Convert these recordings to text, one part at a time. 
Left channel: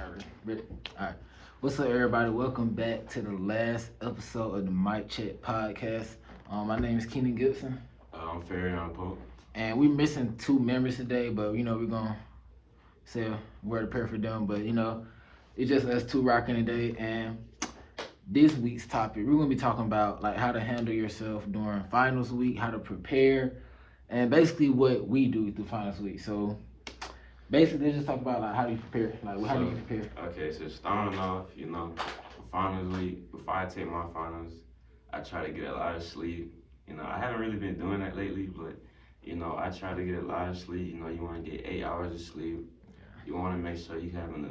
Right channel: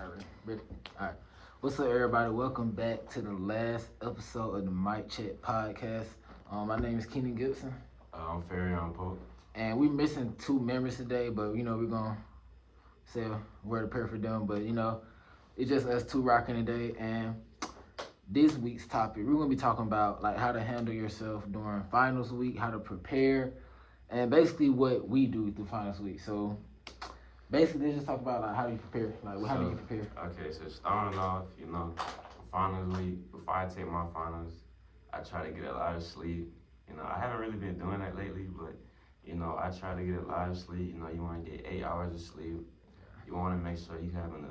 Alright, ready? Alright. What's up, everybody? Welcome back to the last episode of the Mic Check podcast. My name is Keenan Gibson, I'm Farion Pope. and we're missing two members today, but we're gonna say a word of prayer for them. But it's just us two rocking today. And this week's topic, we're gonna be talking about like how to handle yourself during finals week, how to prepare, and basically what we do through finals week. So basically, let's just talk about like how do you prepare, like how do you prepare? Okay, so starting off, for finals week, before I take my finals, I try to get a lot of sleep. I haven't really been doing that lately, but I try to get a lot of sleep. You want to get 8 hours of sleep. You want to make sure you having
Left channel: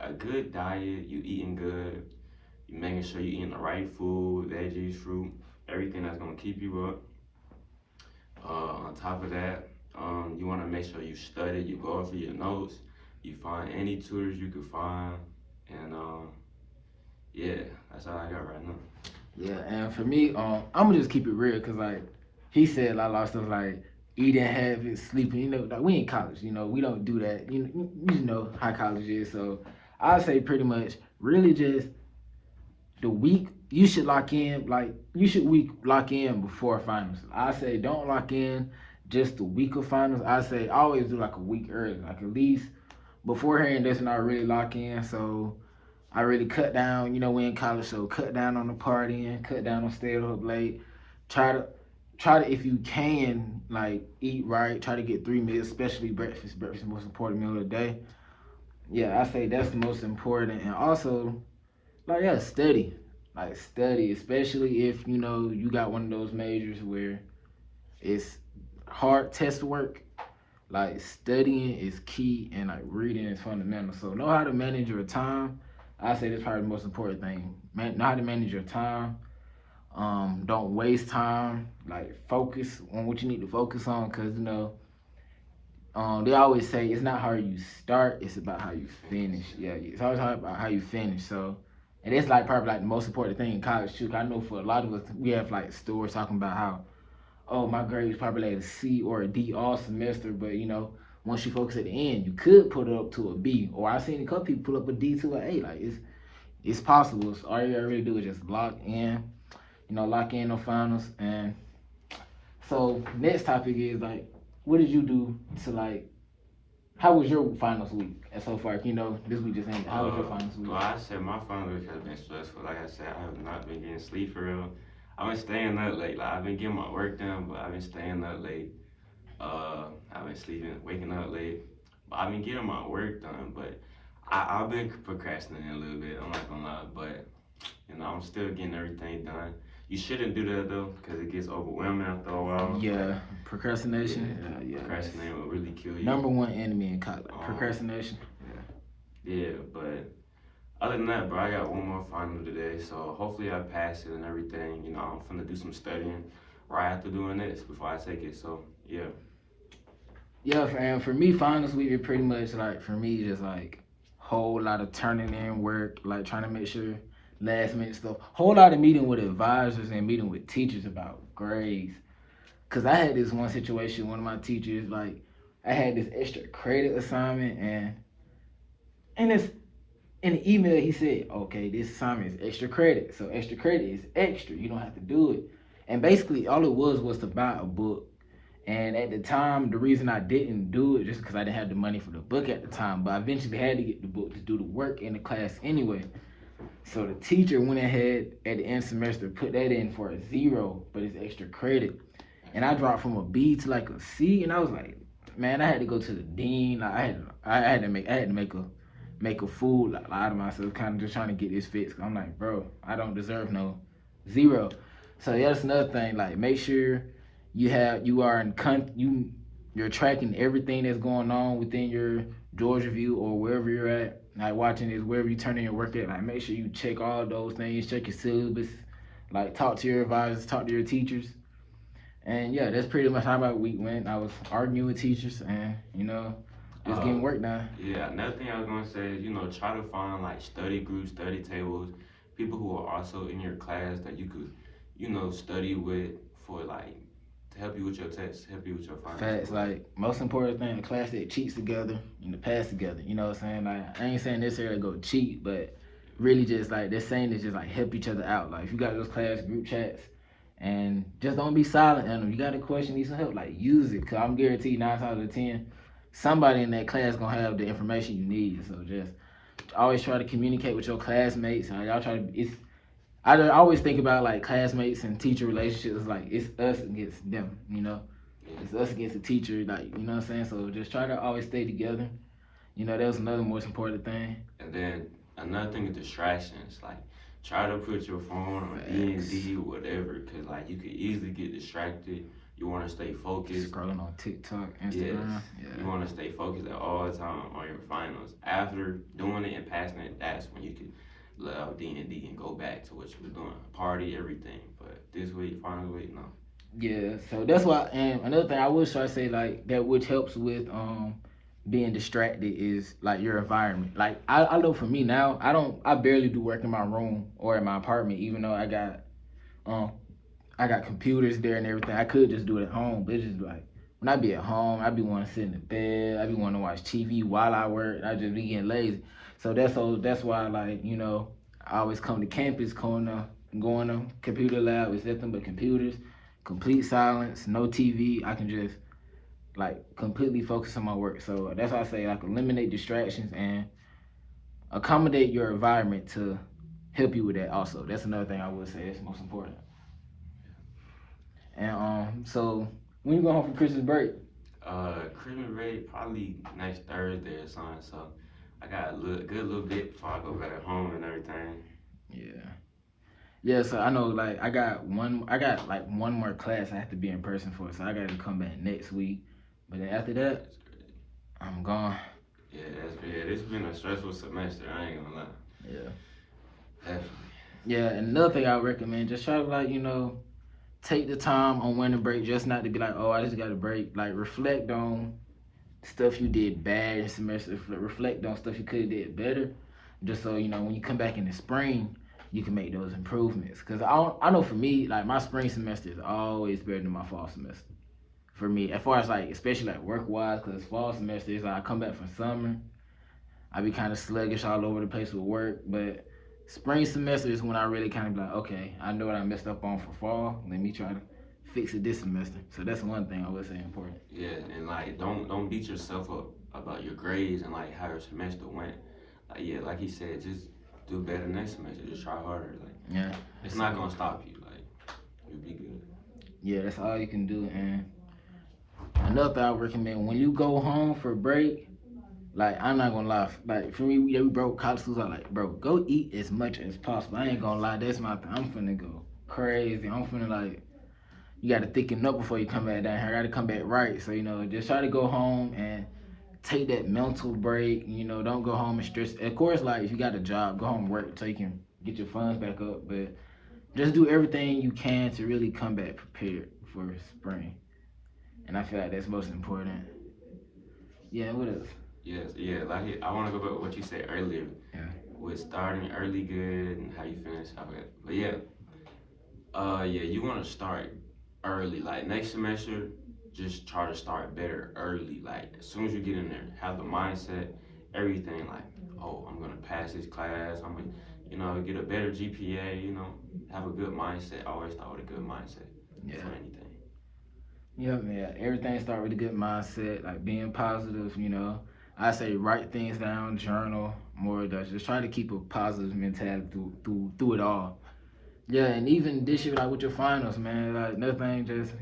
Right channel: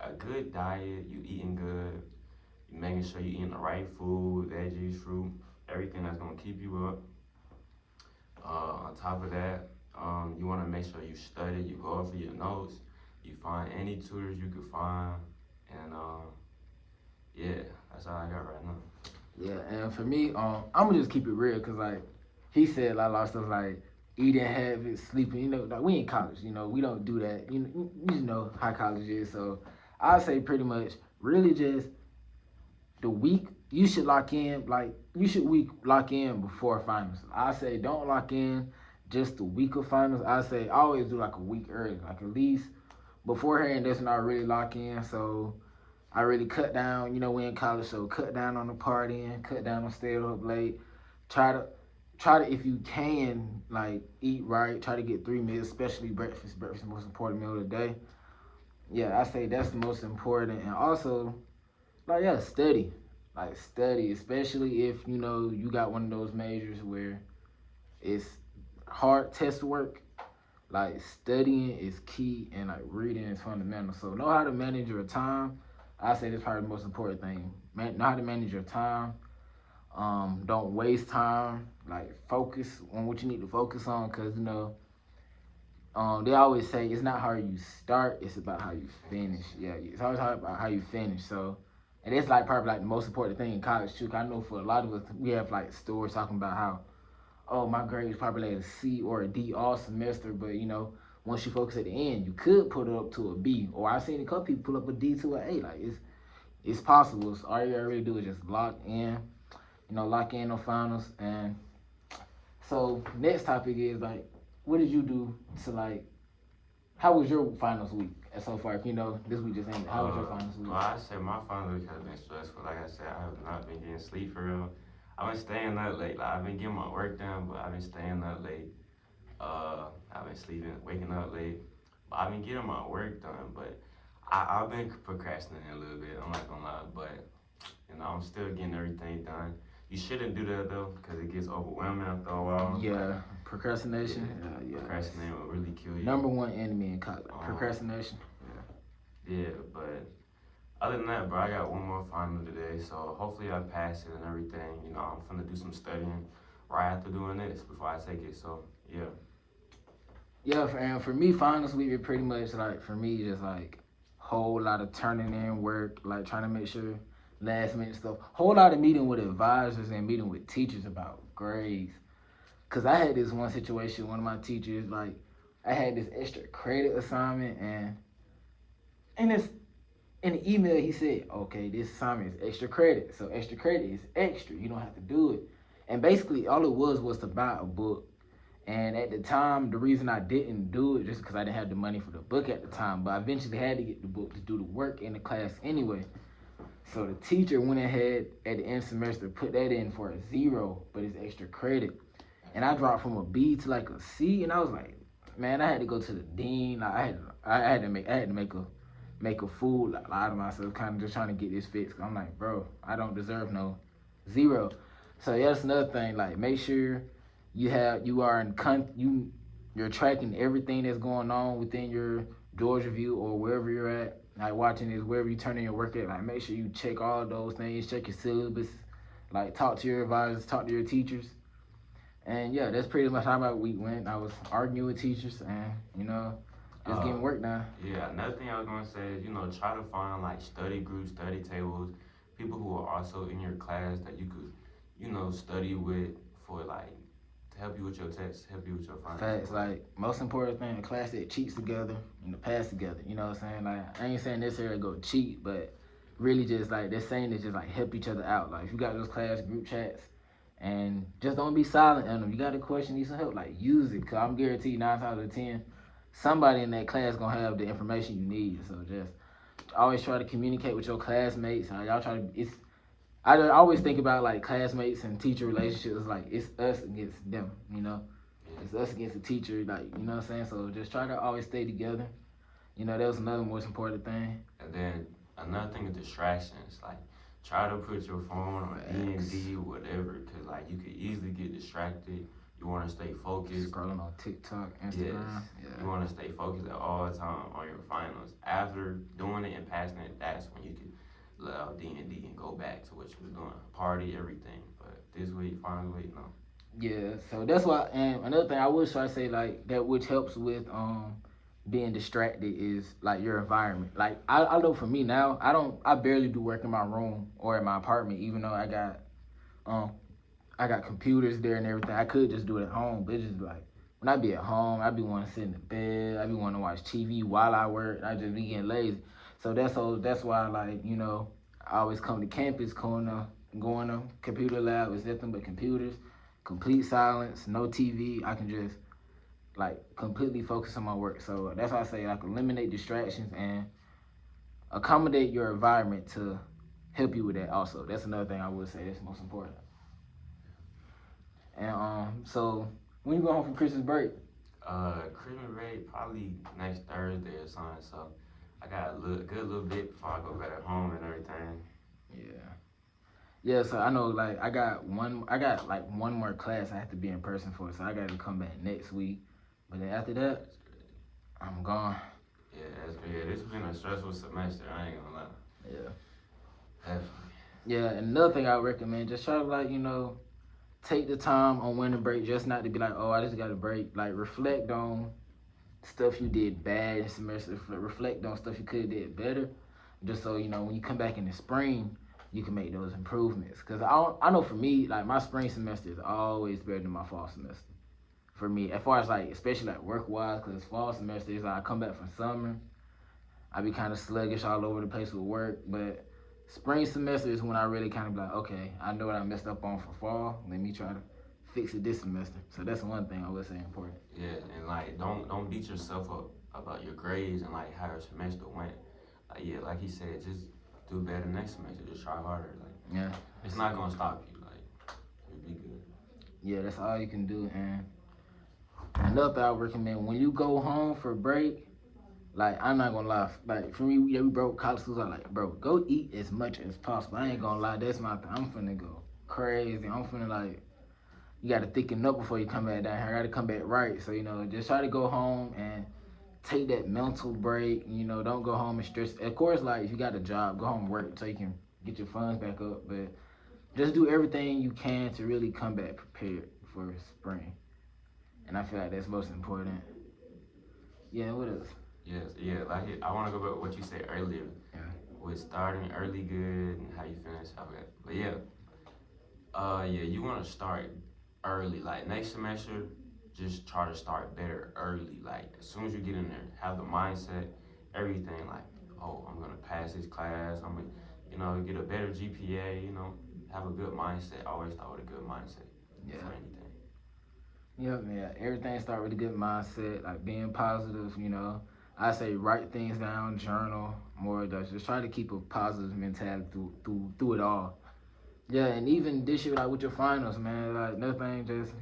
a good diet, you eating good, you making sure you eating the right food, veggies, fruit, everything that's gonna keep you up. On top of that, you want to make sure you study, you go over your notes, you find any tutors you can find, and yeah, that's all I got right now. Yeah, and for me, I'm gonna just keep it real, cause like he said, like, a lot of stuff like eating habits, sleeping. Like we in college. We don't do that. You know how college is. So I say pretty much, really just the week you should lock in. Like you should week lock in before finals. I say don't lock in just the week of finals. I say always do like a week early, like at least beforehand. That's when I really lock in. So I really cut down. We in college, so cut down on the partying, cut down on staying up late. Try to if you can like eat right. Try to get 3 meals, especially breakfast. Breakfast is the most important meal of the day. Yeah, I say that's the most important, and also like yeah, study. Like study, especially if you got one of those majors where it's hard test work. Like studying is key, and like reading is fundamental. So know how to manage your time. I say that's probably the most important thing. Know how to manage your time. Don't waste time. Like focus on what you need to focus on, cause they always say it's not how you start, it's about how you finish. Yeah, it's always about how you finish. So, and it's like probably like the most important thing in college too. 'Cause I know for a lot of us, we have like stories talking about how, oh, my grades probably like a C or a D all semester, but once you focus at the end, you could put it up to a B. Or I've seen a couple people put up a D to an A. Like it's possible. So all you gotta really do is just lock in, lock in on finals. And so next topic is like, what did you do to like? How was your finals week? And so far, this week just ended. How was your finals week? Well, I said my finals week has been stressful. Like I said, I have not been getting sleep for real. I've been staying up late. Like I've been getting my work done, but I've been staying up late. I've been sleeping, waking up late. But I've been getting my work done, but I've been procrastinating a little bit. I'm not gonna lie, but I'm still getting everything done. You shouldn't do that though, because it gets overwhelming after a while. Yeah, procrastination. Yeah. Procrastinating will really kill you. Number one enemy in college, procrastination. Yeah, but other than that, bro, I got one more final today, so hopefully I pass it and everything. I'm finna do some studying right after doing this before I take it. So yeah. Yeah, and for me, finals week is pretty much like for me just like whole lot of turning in work, like trying to make sure last minute stuff. Whole lot of meeting with advisors and meeting with teachers about grades. Cause I had this one situation, one of my teachers like I had this extra credit assignment and it's in the email he said, okay, this assignment is extra credit. So extra credit is extra. You don't have to do it. And basically all it was to buy a book. And at the time, the reason I didn't do it just because I didn't have the money for the book at the time, but I eventually had to get the book to do the work in the class anyway. So the teacher went ahead at the end of the semester, put that in for a 0, but it's extra credit. And I dropped from a B to like a C, and I was like, man, I had to go to the dean. Like, I had to make a fool out of myself, kind of just trying to get this fixed. I'm like, bro, I don't deserve no 0. So yeah, that's another thing. Like, make sure you're tracking everything that's going on within your Georgia View or wherever you're at. Like watching this, wherever you turn in your work at. Like, make sure you check all those things. Check your syllabus. Like, talk to your advisors, talk to your teachers. And yeah, that's pretty much how my week went. I was arguing with teachers and just getting work done. Yeah, another thing I was gonna say is, try to find like study groups, study tables, people who are also in your class that you could, study with for like help you with your tests, help you with your finals. Facts, like most important thing, a class that cheats together, pass together. You know what I'm saying? Like I ain't saying necessarily go cheat, but really just like they're saying is just like help each other out. Like if you got those class group chats, and just don't be silent in them. You got a question, need some help, like use it. Cause I'm guaranteed 9 times out of 10, somebody in that class gonna have the information you need. So just always try to communicate with your classmates. Y'all try to. I always think about like classmates and teacher relationships. Like it's us against them. It's us against the teacher. Like what I'm saying. So just try to always stay together. That was another most important thing. And then another thing is distractions. Like try to put your phone on D&D or whatever, cause like you could easily get distracted. You want to stay focused. Scrolling on TikTok, Instagram. Yes. Yeah. You want to stay focused at all time on your finals. After doing it and passing it, that's when you can let out D&D and go back to what you were doing, party, everything. But this week, final week, no. Yeah, so that's why. And another thing I would try to say like that, which helps with being distracted, is like your environment. Like I know for me now, I barely do work in my room or in my apartment, even though I got computers there and everything. I could just do it at home, but it's just like when I be at home, I be wanting to sit in the bed. I be wanting to watch TV while I work. I just be getting lazy. So that's why like I always come to campus, going to computer lab. It's nothing but computers, complete silence, no TV. I can just like completely focus on my work. So that's why I say like eliminate distractions and accommodate your environment to help you with that. Also, that's another thing I would say is most important. And so when you go home for Christmas break? Christmas break probably next Thursday or something. So I got a good little bit before I go back at home and everything. Yeah, so I know like I got like one more class I have to be in person for, so I got to come back next week. But then after that, I'm gone. Yeah, it's been a stressful semester. I ain't gonna lie. Yeah. Definitely. Yeah, and another thing I recommend, just try to like take the time on winter break, just not to be like, oh, I just got a break. Like reflect on stuff you did bad in semester. Reflect on stuff you could have did better, just so when you come back in the spring, you can make those improvements. Cause I know for me, like my spring semester is always better than my fall semester. For me, as far as like, especially like work wise, cause fall semester is like I come back from summer, I be kind of sluggish all over the place with work, but spring semester is when I really kind of be like, okay, I know what I messed up on for fall. Let me try to fix it this semester. So that's one thing I would say important. Yeah, and like don't beat yourself up about your grades and like how your semester went. Like he said, just do better next semester. Just try harder. Like it's not gonna stop you. Like you'll be good. Yeah, that's all you can do. And another thing I would recommend, when you go home for break, like I'm not gonna lie, like for me, we broke college schools. I'm like, bro, go eat as much as possible. I ain't gonna lie, that's my thing. I'm finna go crazy. I'm finna like, you gotta thicken up before you come back down here. I gotta come back right. So just try to go home and take that mental break. Don't go home and stress. Of course, like if you got a job, go home and work so you can get your funds back up. But just do everything you can to really come back prepared for spring. And I feel like that's most important. Yeah, what else? Yes, yeah. Like I want to go back to what you said earlier. Yeah. With starting early good and how you finish out it. But you want to start early. Like next semester, just try to start better early. Like as soon as you get in there, have the mindset, everything. Like, oh, I'm gonna pass this class. I'm gonna, get a better GPA. Have a good mindset. Always start with a good mindset for anything. Yeah, everything start with a good mindset, like being positive. I say write things down, journal, more of that. Just try to keep a positive mentality through it all. Yeah, and even this year, like with your finals, man, like nothing, just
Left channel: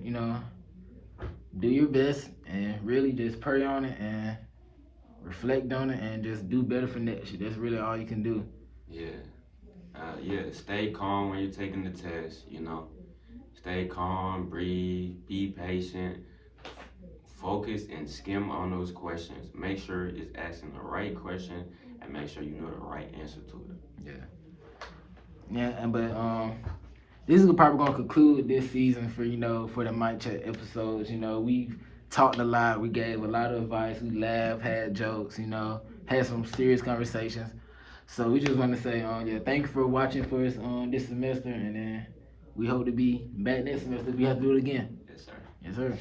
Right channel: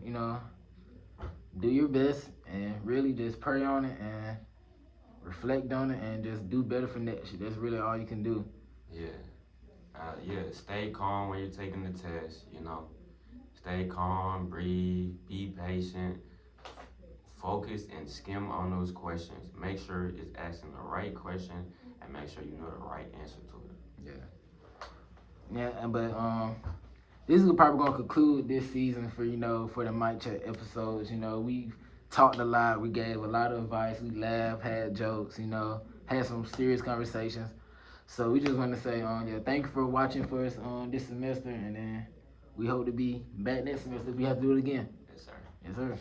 do your best and really just pray on it and reflect on it and just do better for next year. That's really all you can do. Stay calm when you're taking the test. Stay calm, breathe, be patient. Focus and skim on those questions. Make sure it's asking the right question and make sure you know the right answer to it. But this is probably gonna conclude this season for the Mic Check episodes. We've talked a lot. We gave a lot of advice. We laughed, had jokes. Had some serious conversations. So we just want to say, thank you for watching for us this semester, and then we hope to be back next semester if we have to do it again. Yes, sir. Yes, sir.